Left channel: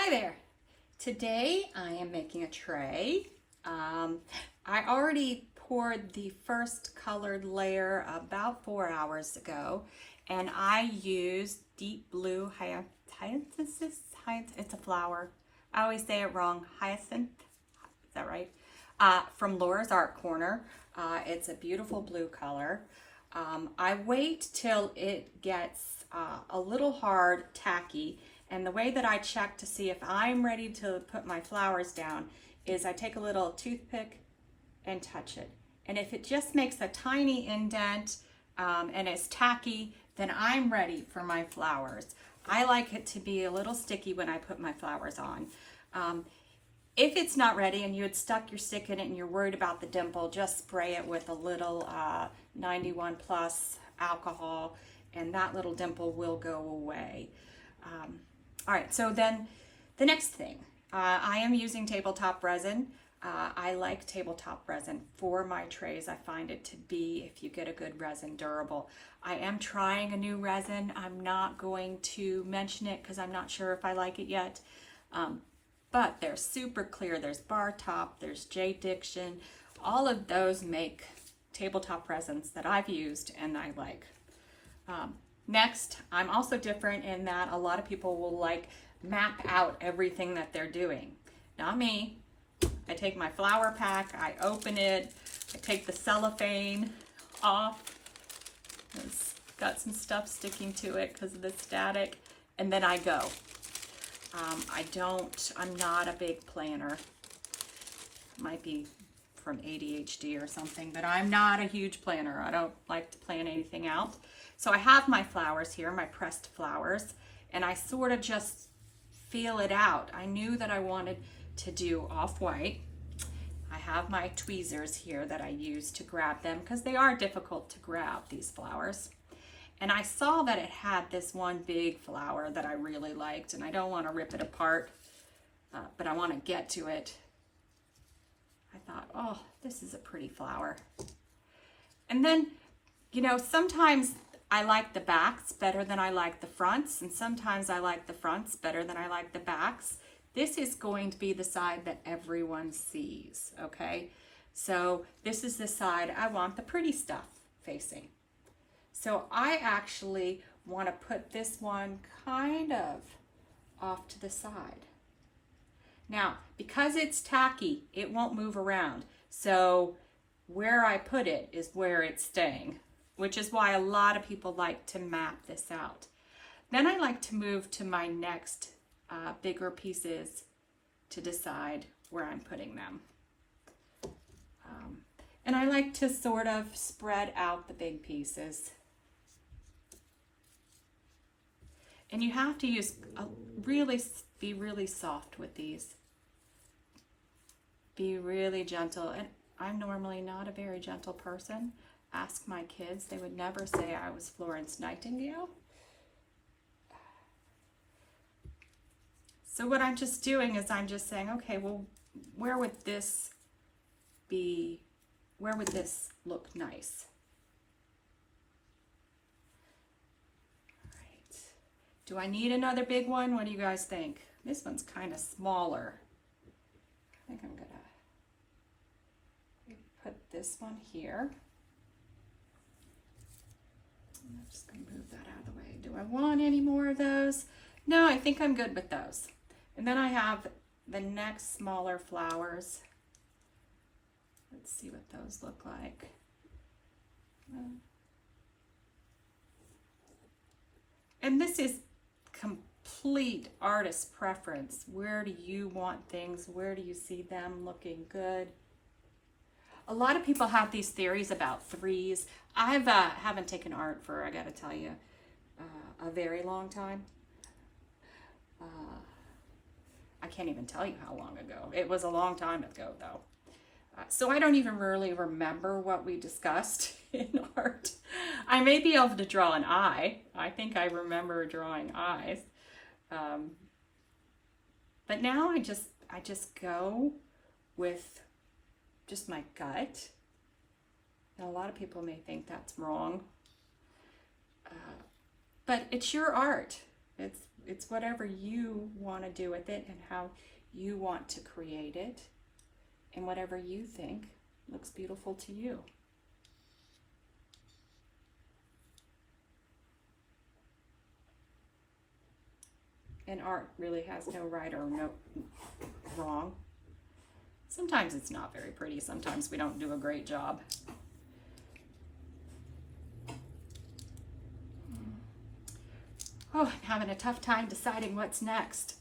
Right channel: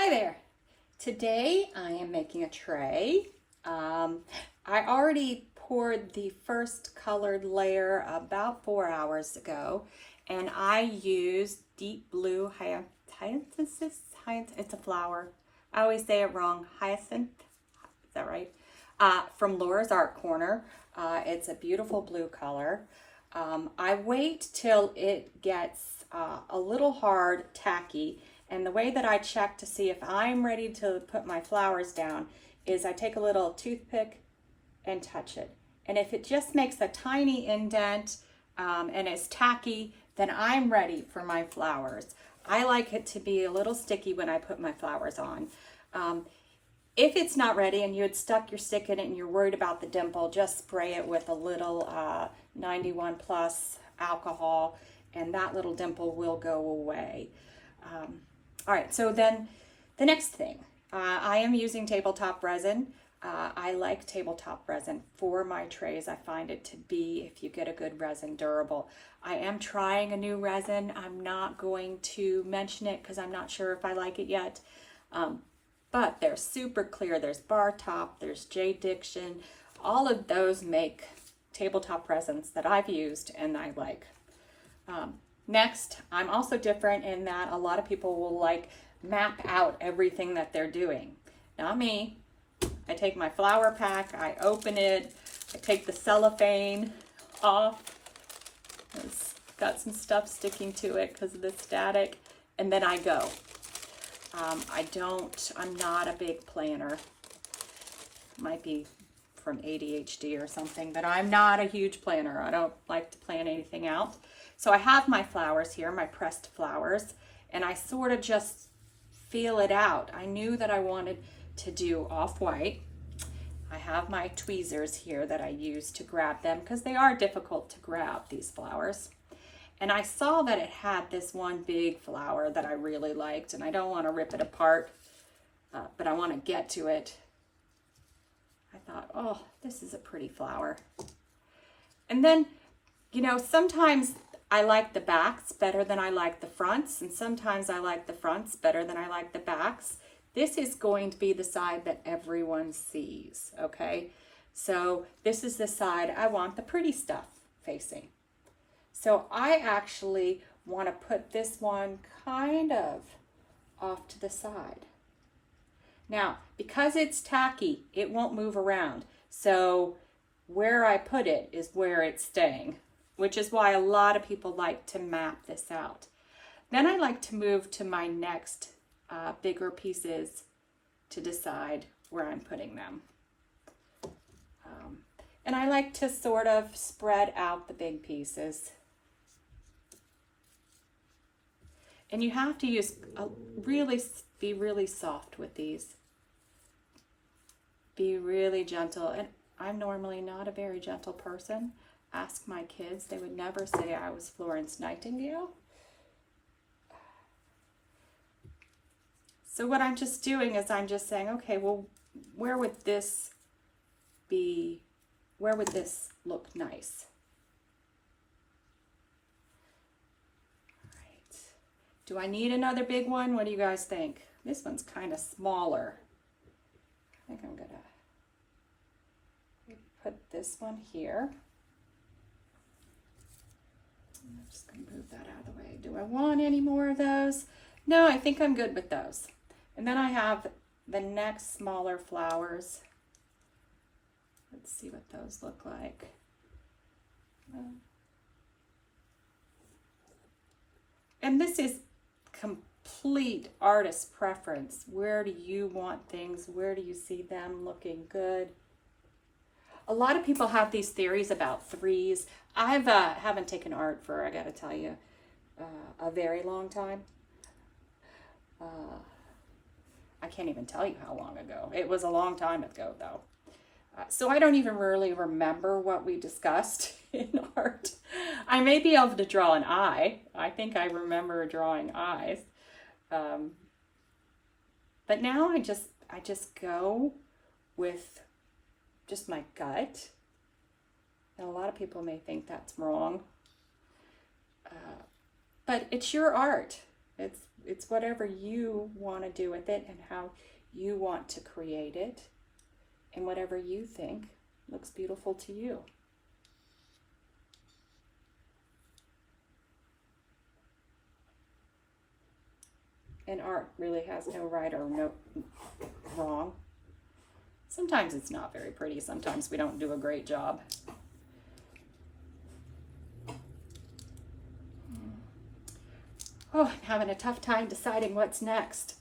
Hi there. Today I am making a tray. I already poured the first colored layer about 4 hours ago, and I used deep blue hyacinth. It's a flower. I always say it wrong. Hyacinth. Is that right? From Laura's Art Corner. It's a beautiful blue color. I wait till it gets a little hard, tacky, and the way that I check to see if I'm ready to put my flowers down is I take a little toothpick and touch it. And if it just makes a tiny indent and it's tacky, then I'm ready for my flowers. I like it to be a little sticky when I put my flowers on. If it's not ready and you had stuck your stick in it and you're worried about the dimple, just spray it with a little 91 plus alcohol and that little dimple will go away. All right, so then the next thing, I am using tabletop resin. I like tabletop resin for my trays. I find it to be, if you get a good resin, durable. I am trying a new resin. I'm not going to mention it because I'm not sure if I like it yet. But they're super clear. There's Bar Top, there's J. Diction. All of those make tabletop resins that I've used and I like. Next, I'm also different in that a lot of people will map out everything that they're doing. Not me. I take my flower pack, I open it, I take the cellophane off. It's got some stuff sticking to it because of the static, and then I go. I'm not a big planner. Might be from ADHD or something, but I'm not a huge planner. I don't like to plan anything out. So I have my flowers here, my pressed flowers, and I sort of just feel it out. I knew that I wanted to do off-white. I have my tweezers here that I use to grab them because they are difficult to grab, these flowers. And I saw that it had this one big flower that I really liked, and I don't want to rip it apart, but I want to get to it. I thought, oh, this is a pretty flower. And then, you know, sometimes I like the backs better than I like the fronts, and sometimes I like the fronts better than I like the backs. This is going to be the side that everyone sees, okay? So this is the side I want the pretty stuff facing. So I actually want to put this one kind of off to the side. Now, because it's tacky, it won't move around. So where I put it is where it's staying, which is why a lot of people like to map this out. Then I like to move to my next bigger pieces to decide where I'm putting them. And I like to sort of spread out the big pieces. And you have to be really soft with these. Be really gentle. And I'm normally not a very gentle person. Ask my kids, they would never say I was Florence Nightingale. So what I'm just doing is I'm just saying, okay, well, where would this look nice? All right. Do I need another big one? What do you guys think? This one's kind of smaller. I think I'm gonna put this one here. I'm just going to move that out of the way. Do I want any more of those? No, I think I'm good with those. And then I have the next smaller flowers. Let's see what those look like. And this is complete artist preference. Where do you want things? Where do you see them looking good? A lot of people have these theories about threes. I haven't taken art for, I gotta tell you, a very long time. I can't even tell you how long ago. It was a long time ago, though. So I don't even really remember what we discussed in art. I may be able to draw an eye. I think I remember drawing eyes. But now I just go with just my gut. And a lot of people may think that's wrong. But it's your art. it's whatever you want to do with it and how you want to create it and whatever you think looks beautiful to you. And art really has no right or no wrong. Sometimes it's not very pretty. Sometimes we don't do a great job. Oh, I'm having a tough time deciding what's next.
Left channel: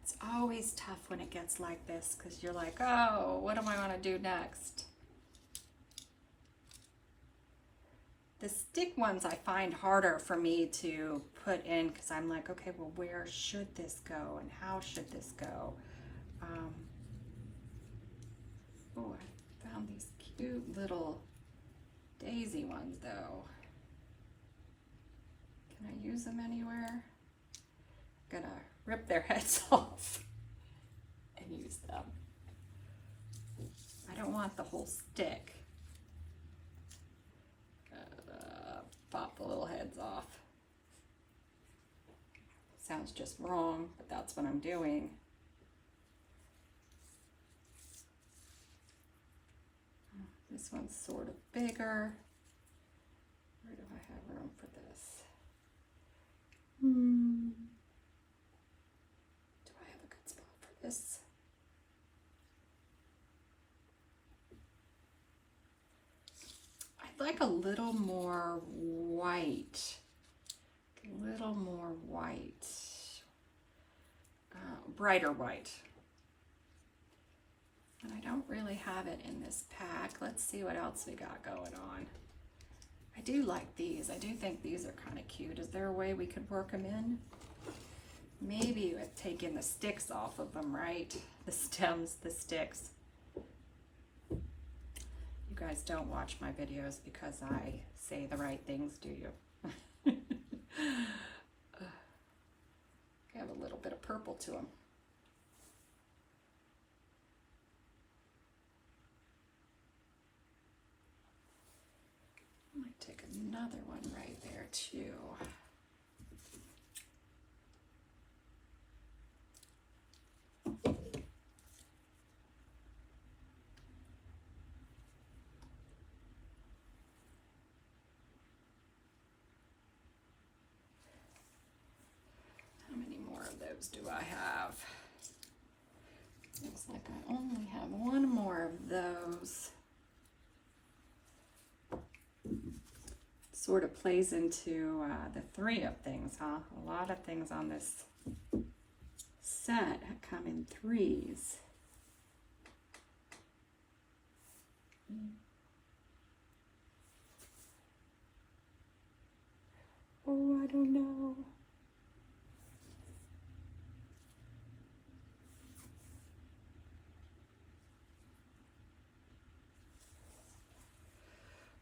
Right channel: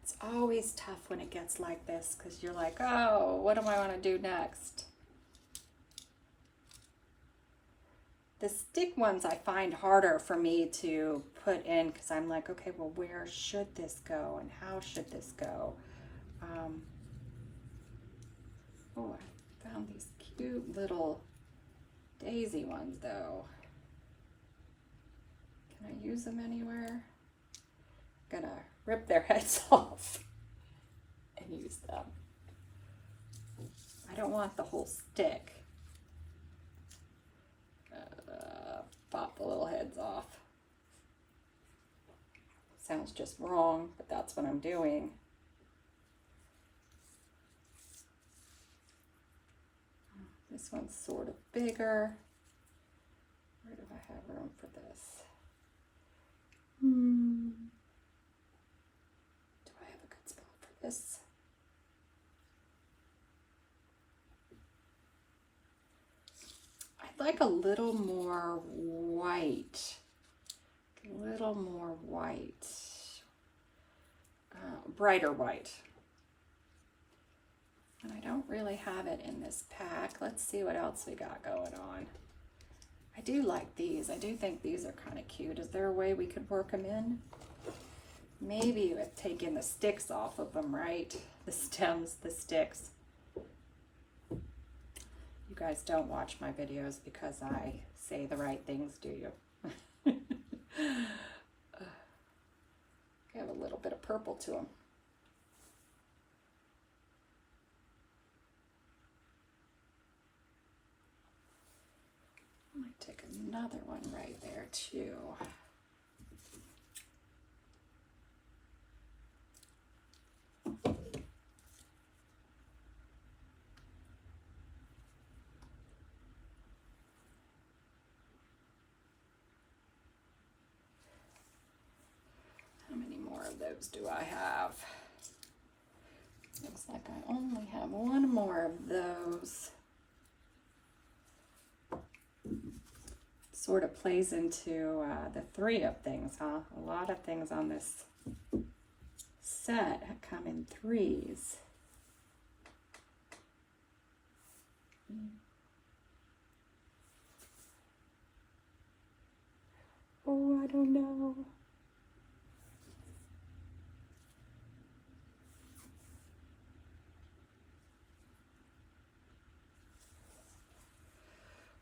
It's always tough when it gets like this because you're like, oh, what do I want to do next? The stick ones I find harder for me to put in because I'm like, okay, well, where should this go and how should this go? Oh, I found these cute little daisy ones though. Can I use them anywhere? I'm gonna rip their heads off and use them. I don't want the whole stick. Pop the little heads off. Sounds just wrong, but that's what I'm doing. This one's sort of bigger. Where do I have room for this? Do I have a good spot for this? I'd like a little more white. A little more white. Brighter white. And I don't really have it in this pack. Let's see what else we got going on. I do like these. I do think these are kind of cute. Is there a way we could work them in? Maybe with taking the sticks off of them, right? The stems, the sticks. You guys don't watch my videos because I say the right things, do you? I have a little bit of purple to them. I might take another one right there too. How many more of those do I have? Looks like I only have one more of those. Sort of plays into the 3 of things, huh? A lot of things on this set come in 3s. Oh, I don't know.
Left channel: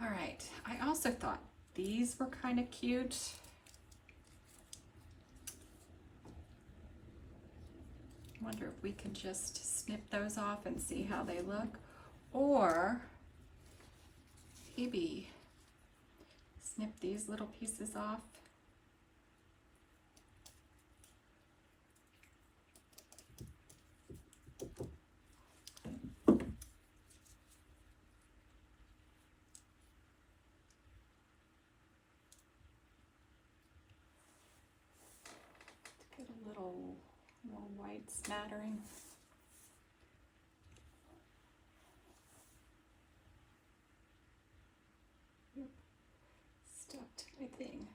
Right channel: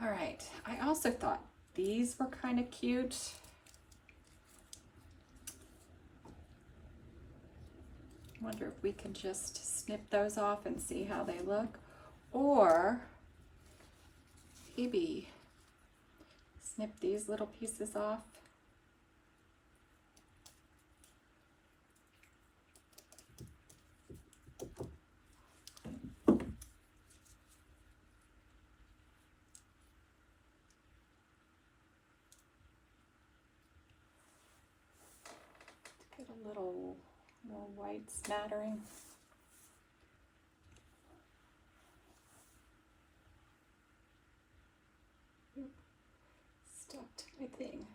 All right, I also thought these were kind of cute. Wonder if we can just snip those off and see how they look, or maybe snip these little pieces off. Get a little more white smattering. Stuck to my thing.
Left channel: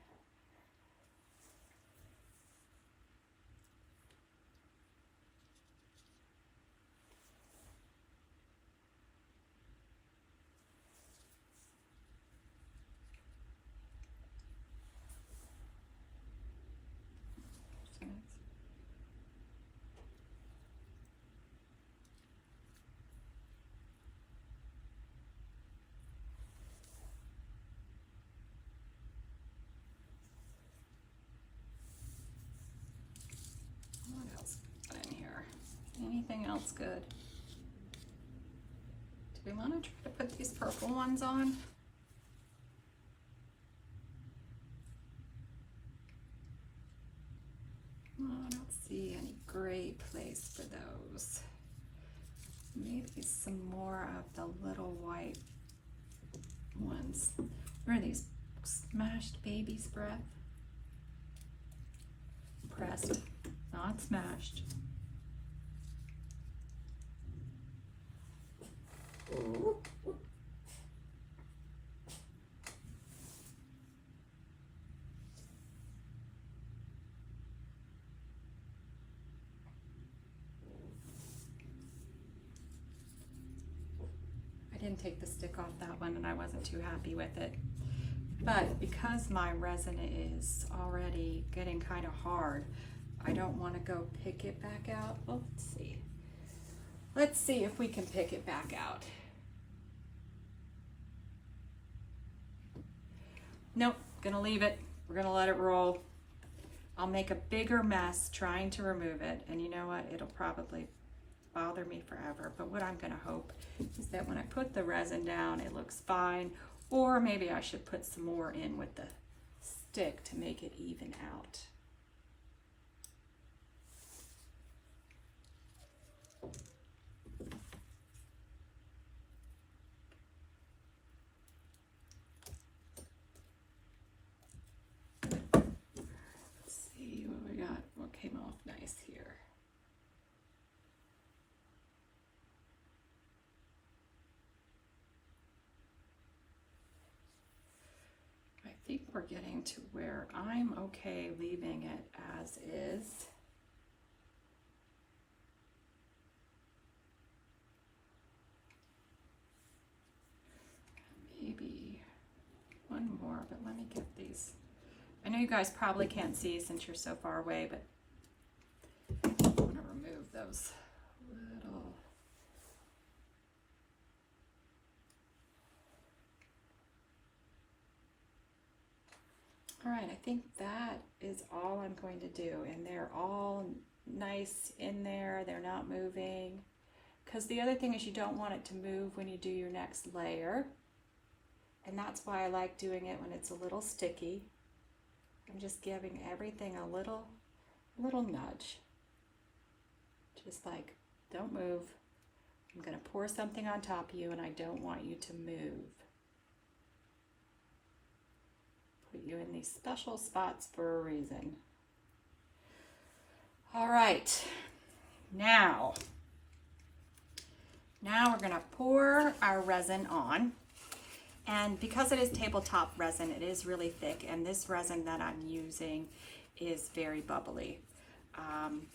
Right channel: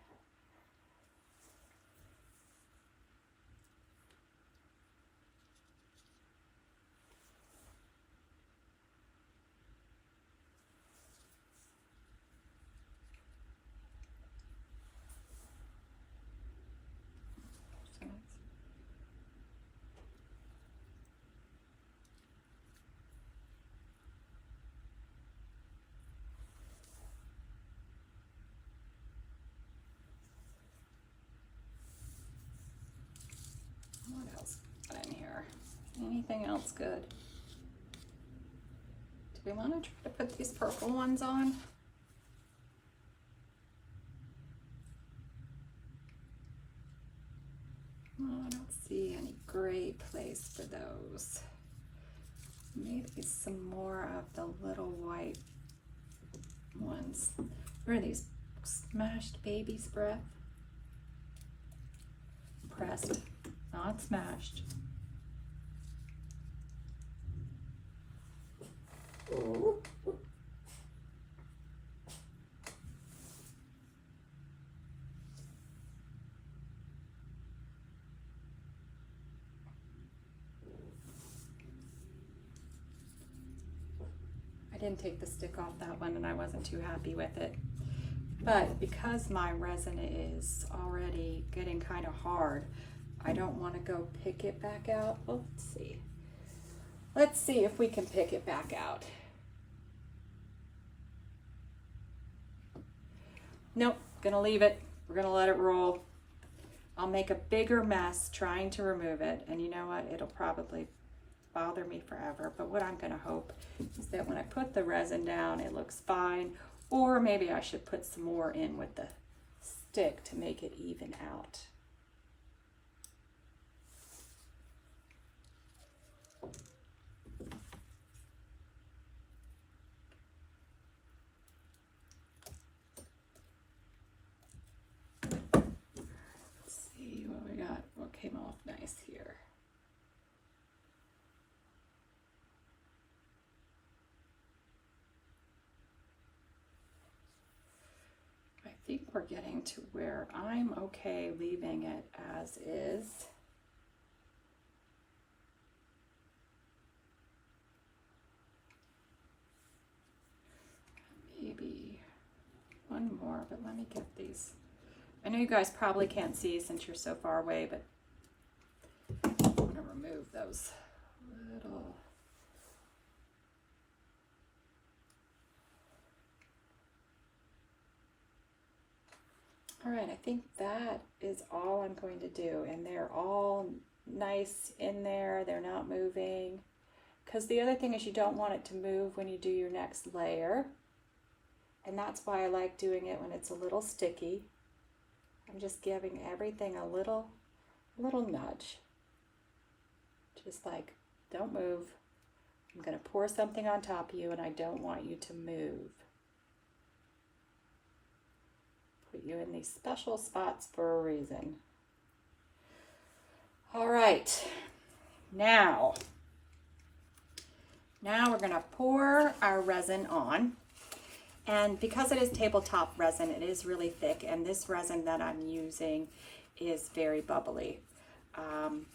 What else in here? Anything else good? Do we want to try to put these purple ones on? those. Maybe some more of the little white ones. Where are these? Smashed baby's breath? Pressed, not smashed. I didn't take the stick off that one and I wasn't too happy with it. But because my resin is already getting kind of hard, I don't want to go pick it back out. Let's see. Let's see if we can pick it back out. Nope, gonna leave it. We're gonna let it roll. I'll make a bigger mess trying to remove it, and you know what? It'll probably bother me forever, but what I'm gonna hope is that when I put the resin down, it looks fine, or maybe I should put some more in with the stick to make it even out. Let's see what we got, what came off nice here. I think we're getting to where I'm okay leaving it as is. Maybe one more, but let me get these. I know you guys probably can't see since you're so far away, but I'm gonna remove those little. All right, I think that is all I'm going to do, and they're all nice in there. They're not moving, because the other thing is you don't want it to move when you do your next layer, and that's why I like doing it when it's a little sticky. I'm just giving everything a little nudge, just like, don't move. I'm going to pour something on top of you, and I don't want you to move. Put you in these special spots for a reason. All right, now we're gonna pour our resin on. And because it is tabletop resin, it is really thick, and this resin that I'm using is very bubbly. I'm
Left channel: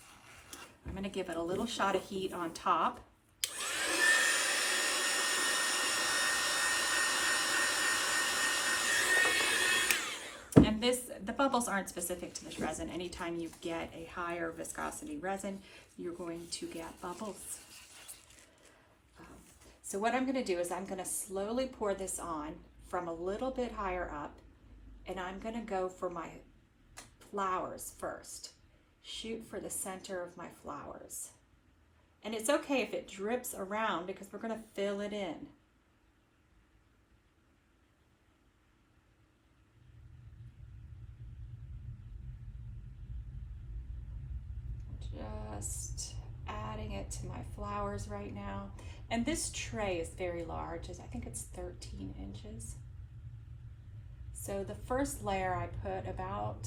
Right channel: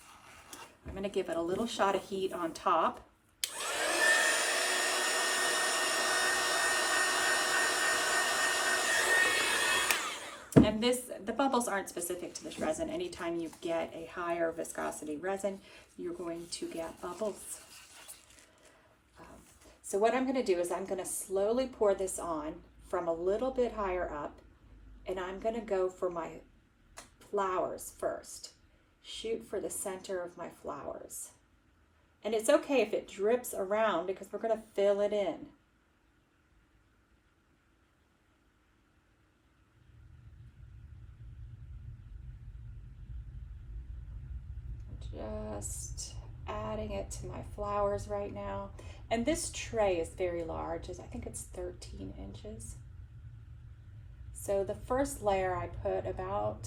gonna give it a little shot of heat on top. And the bubbles aren't specific to this resin. Anytime you get a higher viscosity resin, you're going to get bubbles. So what I'm gonna do is I'm gonna slowly pour this on from a little bit higher up, and I'm gonna go for my flowers first. Shoot for the center of my flowers. And it's okay if it drips around because we're gonna fill it in. Just adding it to my flowers right now. And this tray is very large, I think it's 13 inches. So the first layer I put about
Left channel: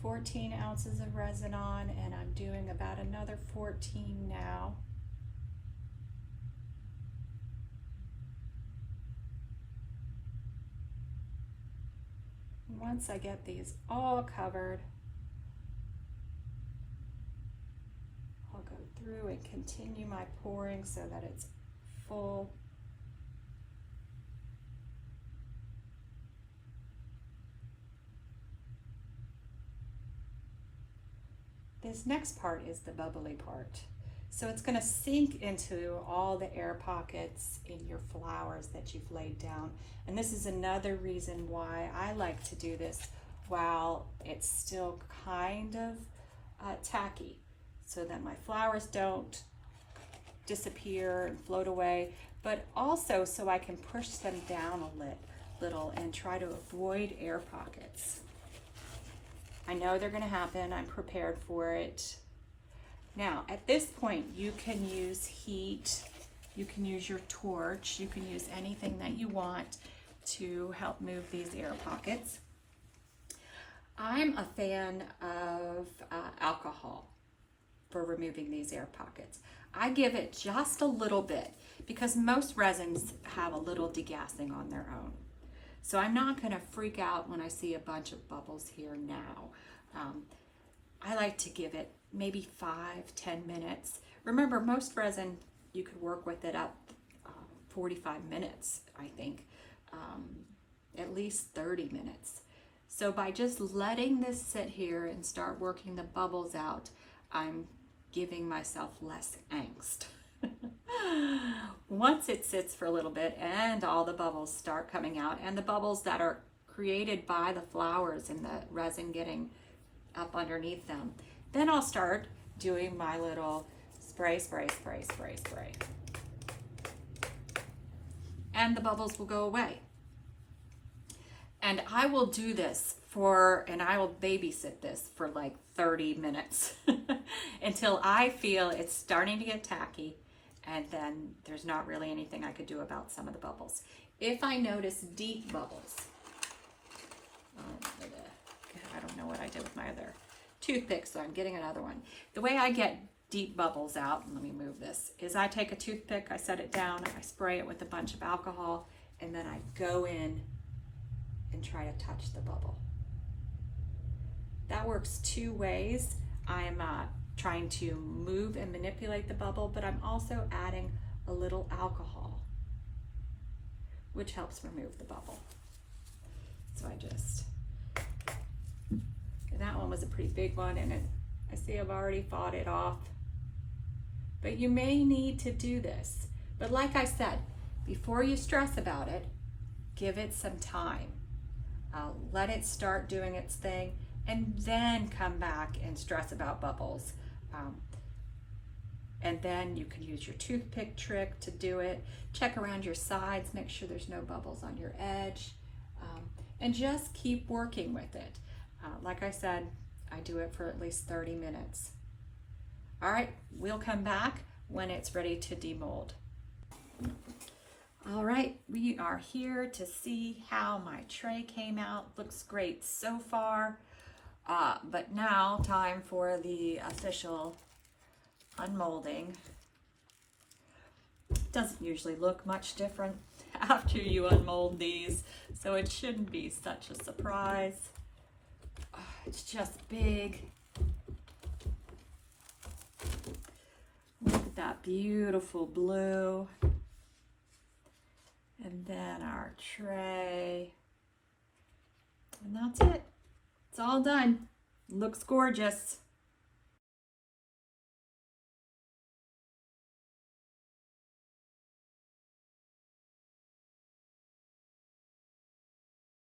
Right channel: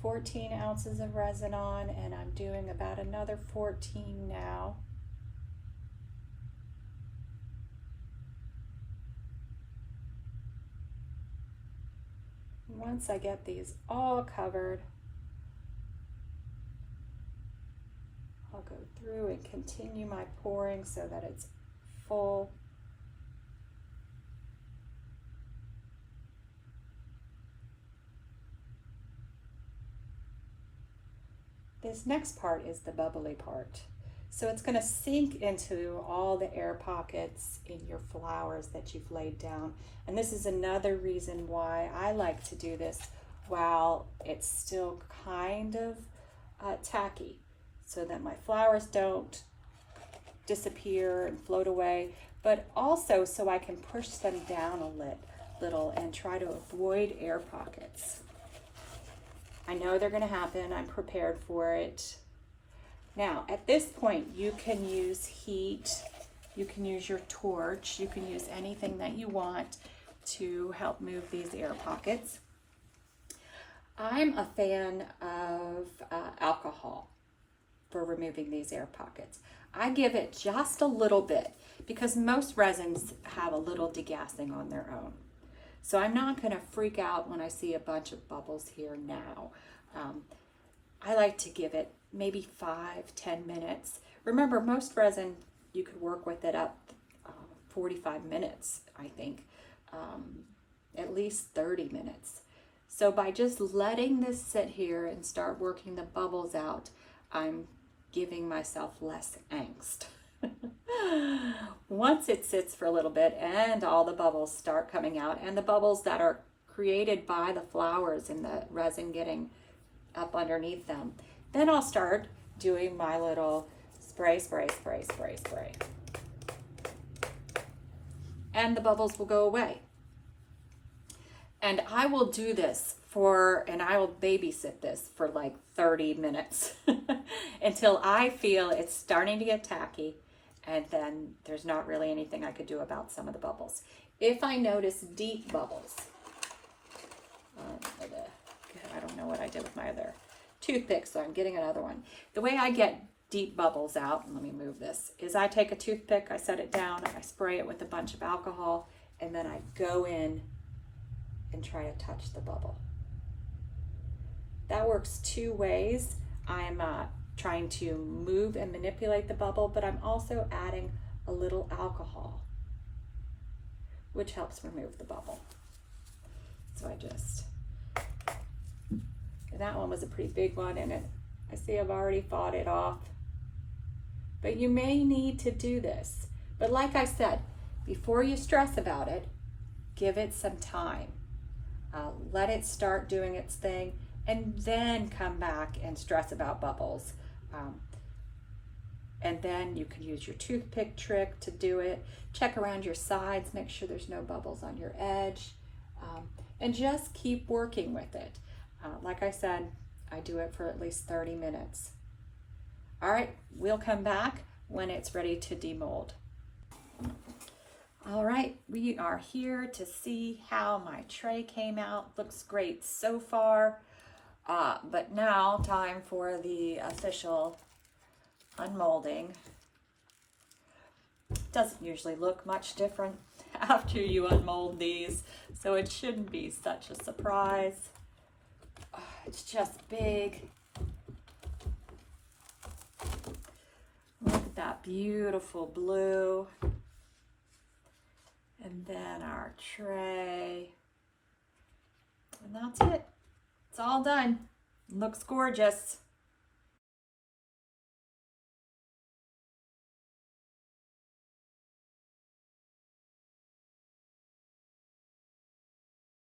14 ounces of resin on, and I'm doing about another 14 now. Once I get these all covered, I'll go through and continue my pouring so that it's full. This next part is the bubbly part. So it's going to sink into all the air pockets in your flowers that you've laid down. And this is another reason why I like to do this while it's still kind of tacky, so that my flowers don't disappear and float away, but also so I can push them down a little and try to avoid air pockets. I know they're gonna happen, I'm prepared for it. Now, at this point, you can use heat, you can use your torch, you can use anything that you want to help move these air pockets. I'm a fan of alcohol for removing these air pockets. I give it just a little bit because most resins have a little degassing on their own. So I'm not going to freak out when I see a bunch of bubbles here now. I like to give it maybe 5-10 minutes. Remember, most resin, you could work with it up 45 minutes, I think, at least 30 minutes. So by just letting this sit here and start working the bubbles out, I'm giving myself less angst. Once it sits for a little bit and all the bubbles start coming out, and the bubbles that are created by the flowers and the resin getting up underneath them, then I'll start doing my little spray, spray, spray, spray, spray. And the bubbles will go away. And I will do this and I will babysit this for like 30 minutes until I feel it's starting to get tacky, and then there's not really anything I could do about some of the bubbles. If I notice deep bubbles, I don't know what I did with my other toothpick, so I'm getting another one. The way I get deep bubbles out, let me move this, is I take a toothpick, I set it down, I spray it with a bunch of alcohol, and then I go in and try to touch the bubble. That works two ways. I'm trying to move and manipulate the bubble, but I'm also adding a little alcohol, which helps remove the bubble. So and that one was a pretty big one, and I see I've already fought it off. But you may need to do this. But like I said, before you stress about it, give it some time. Let it start doing its thing, and then come back and stress about bubbles. And then you can use your toothpick trick to do it. Check around your sides, make sure there's no bubbles on your edge, and just keep working with it. Like I said, I do it for at least 30 minutes. All right, we'll come back when it's ready to demold. All right, we are here to see how my tray came out. Looks great so far, but now time for the official unmolding. Doesn't usually look much different after you unmold these, so it shouldn't be such a surprise. It's just big. Look at that beautiful blue. And then our tray. And that's it. It's all done. Looks gorgeous.